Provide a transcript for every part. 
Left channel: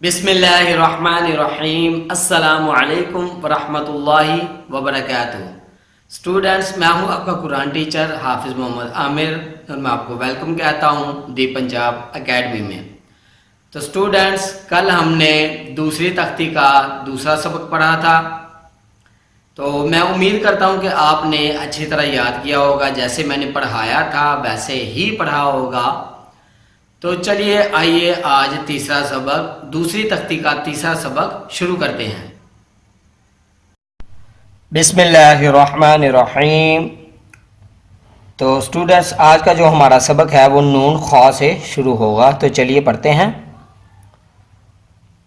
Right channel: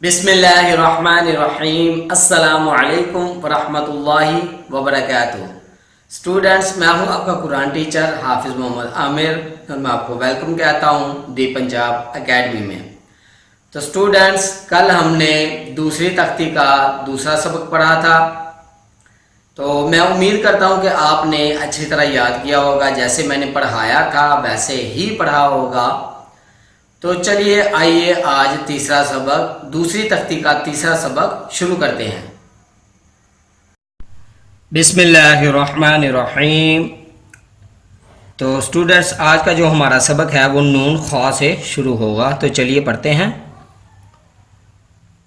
बिस्मिल्लाहिर्रहमानिर्रहीम। अस्सलामु अलैकुम वरहमतुल्लाहि वबरकातुहू। स्टूडेंट्स, मैं हूं आपका कुरान टीचर हाफिज़ मोहम्मद आमिर और मैं आपको वेलकम कहता हूं दी पंजाब एकेडमी में। तो स्टूडेंट्स, कल हमने दूसरी तख्ती का दूसरा सबक पढ़ा था। तो मैं उम्मीद करता हूं कि आपने अच्छी तरह याद किया होगा, जैसे मैंने पढ़ाया था वैसे ही पढ़ा होगा। तो चलिए आइए आज तीसरा सबक, दूसरी तख्ती का तीसरा सबक शुरू करते हैं। बिस्मिल्लाहिर्रहमानिर्रहीम। तो स्टूडेंट्स, आज का जो हमारा सबक है वो नून खौ से शुरू होगा। तो चलिए पढ़ते हैं।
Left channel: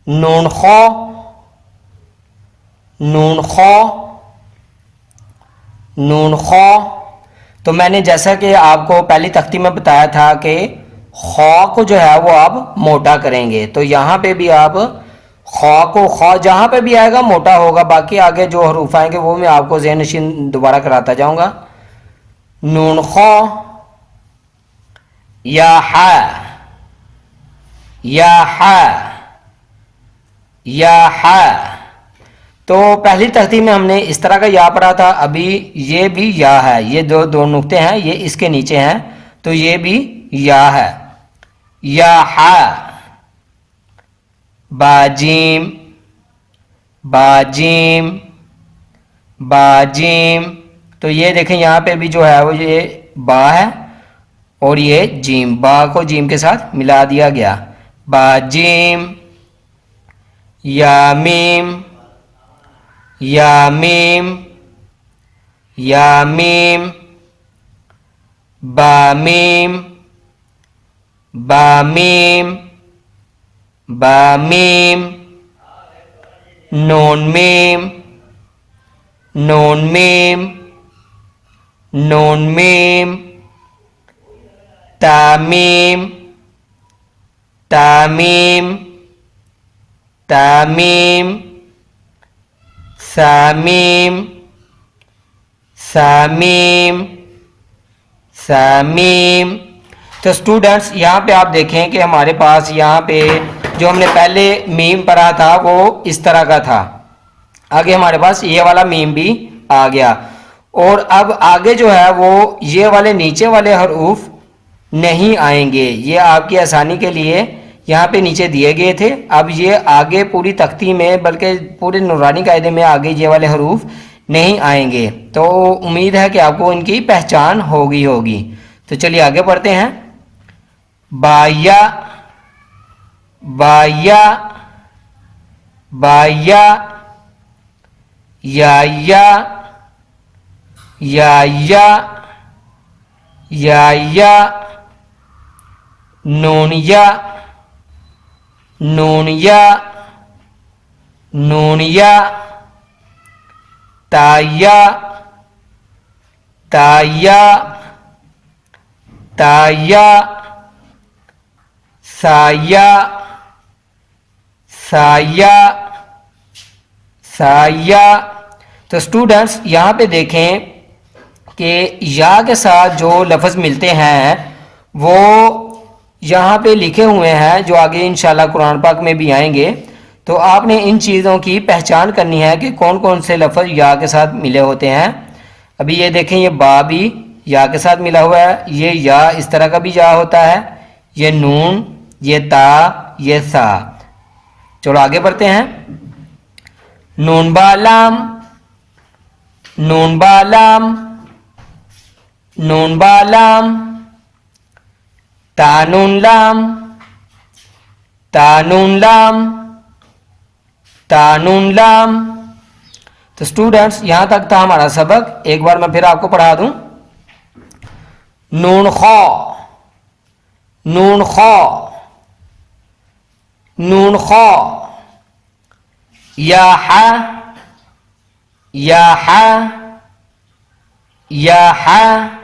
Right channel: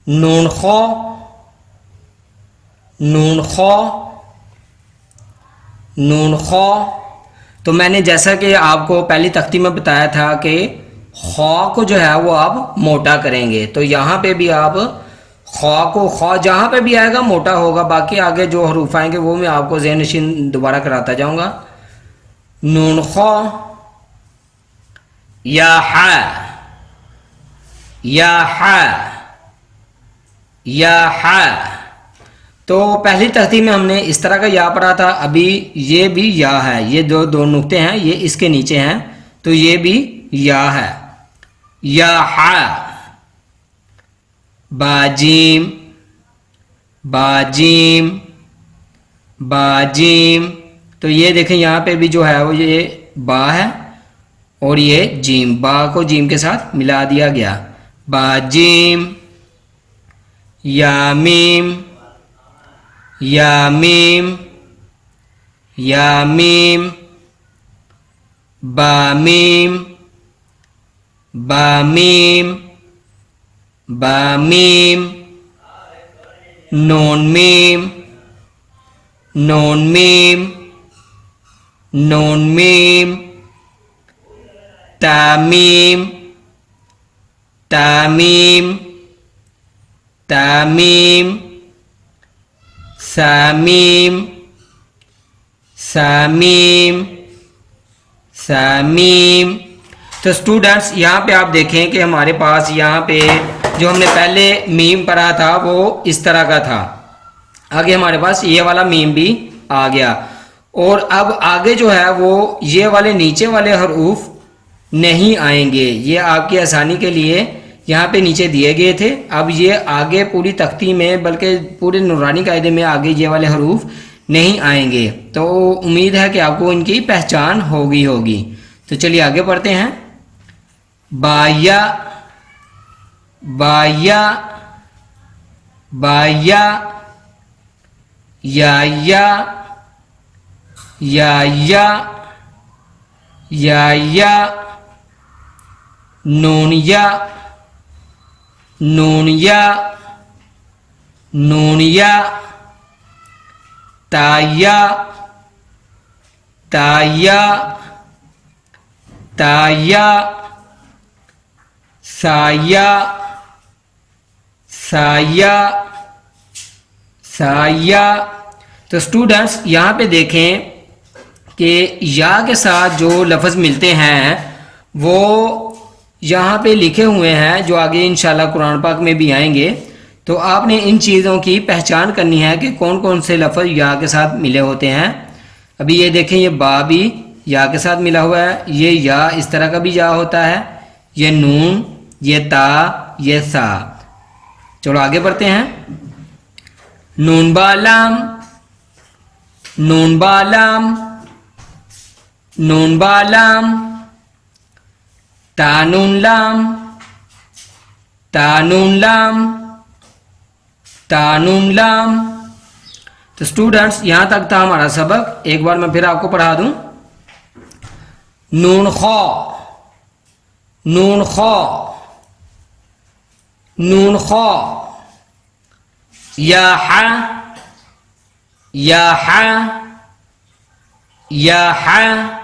नून खौ, नून खौ, नून खौ। तो मैंने जैसा कि आपको पहली तख्ती में बताया था कि खौ को जो है वो आप मोटा करेंगे। तो यहाँ पे भी आप खौ को, खौ जहाँ पे भी आएगा मोटा होगा, बाकी आगे जो हरूफ आएंगे वो मैं आपको ज़हन नशीन दोबारा कराता जाऊँगा। नून खौ, या हा, या हा, या हा। तो पहली तख्ती में हमने इस तरह का या पढ़ा था, अभी ये भी या है। ये दो नुक्ते हैं, ये इसके नीचे हैं, तो ये भी या है। या हा, बाजीम, बाजीम, बाजीम। तो ये देखें यहाँ पे भी जो है वो ये बा है और ये जीम, बा को जीम के साथ मिला दिया गया। बाजीम, यामीम, यामीम, यामीम, बामीम, बामीम, बामीम, नून मीम, नून मीम, नून मीम, तामीम, तामीम, तामीम, सामीम, सामीम, सामीम। तो स्टूडेंट्स, यहाँ पे आप देखें कि हमारे पास यहाँ पे जो हमने पहले मीम पढ़ा था वो इस तरह का था, आगे हमारे पास ये वाला मीम भी आ गया। और अब आगे जो है वो ये वाले नीचे वाले हरूफ नहीं आएंगे। ये आपकी आसानी के लिए यहाँ पे नीचे दिए गए थे। अब ये आगे पूरी तख्ती में, बल्कि पूरे नूरानी कायदे में आगे ये वाले हरूफ नहीं आएंगे। तो उम्मीद है कि आपको इनकी पहचान होगी। तो चलिए आगे पढ़ते हैं। बाया, बाया, बाया, याया, याया, याया, नूनिया, नूनिया, नूनिया, ताया, ताया, ताया, साया, साया, साया। तो स्टूडेंट्स, यहाँ पे देखें कि या के साथ जो लफ्ज़ मिलते हैं वो यहाँ पे लिखे हुए हैं, जो आगे इंशाल्लाह कुरान पाक में भी आएंगे। तो आपने इन चीज़ों की पहचान करनी है कि कौन कौन से लफ्ज़ या के साथ मिले होते हैं। अभी ये देखें, ये बा भी या के साथ मिला हुआ है, ये या इस तरह का भी या होता है, ये नून, ये ता, ये सा। चलो आगे बढ़ते हैं। नून बालाम, नून बालाम, नून बालाम, तानून लाम, तानून लाम, तानून लाम। तो स्टूडेंट्स, यहाँ तक था हमारा सबक। एक बार मैं फिर आपको पढ़ा दूं। नून खौ, नून खौ, नून खौ, या हा, या हा, या हा,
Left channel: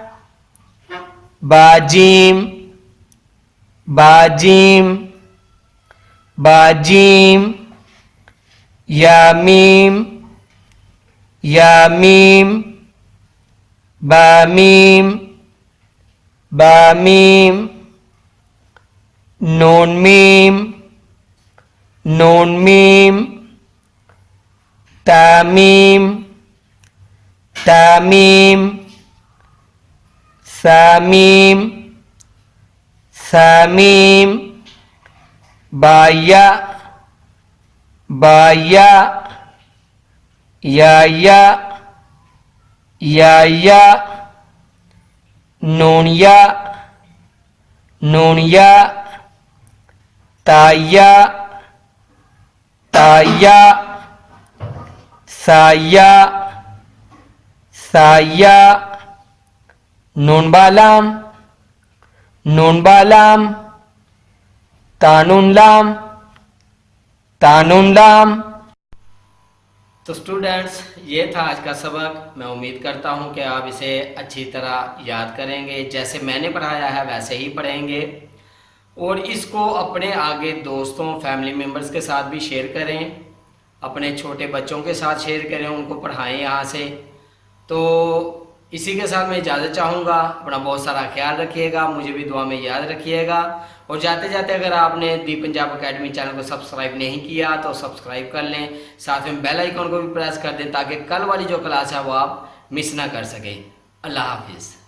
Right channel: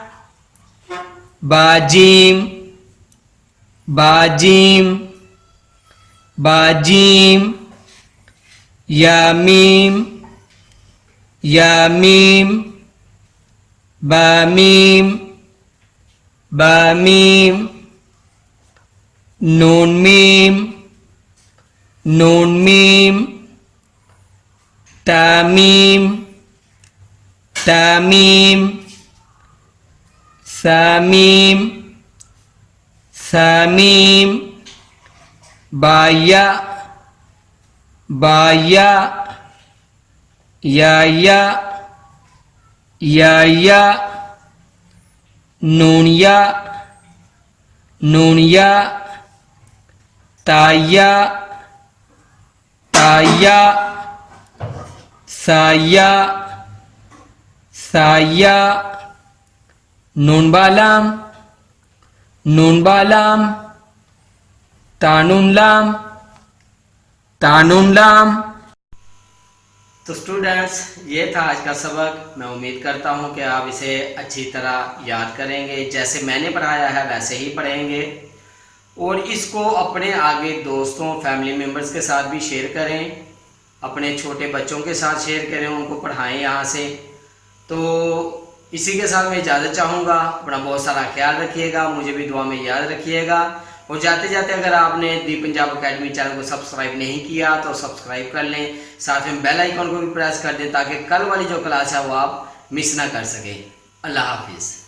बाजीम, बाजीम, बाजीम, यामीम, यामीम, बामीम, बामीम, नून मीम, नून मीम तामीम तामीम सामीम सामीम बाया बाया या नूनिया नूनिया ताया ताया साया साया नून बालाम तानुन लाम। तो स्टूडेंट्स, ये था आज का सबक। मैं उम्मीद करता हूँ कि आप इसे अच्छी तरह याद करेंगे, जैसे मैंने पढ़ाया है वैसे ही पढ़ेंगे, और इसको अपने आगे दोस्तों फैमिली मेम्बर्स के साथ भी शेयर करें, अपने छोटे बच्चों के साथ शेयर करें, उनको पढ़ाएं यहाँ से। तो इसी के साथ मैं इजाज़त चाहूँगा। अपना बहुत सारा ख्याल रखिएगा, मुझे भी दुआ में याद रखिएगा, और जाते जाते अगर आपने दी पंजाब अकेडमी चैनल को सब्सक्राइब नहीं किया तो सब्सक्राइब कर लें, साथ में बेल आइकन को भी प्रेस कर दें ताकि कल वाली जो क्लास है वो आप मिस ना कर सकें। अल्लाह हाफिज़।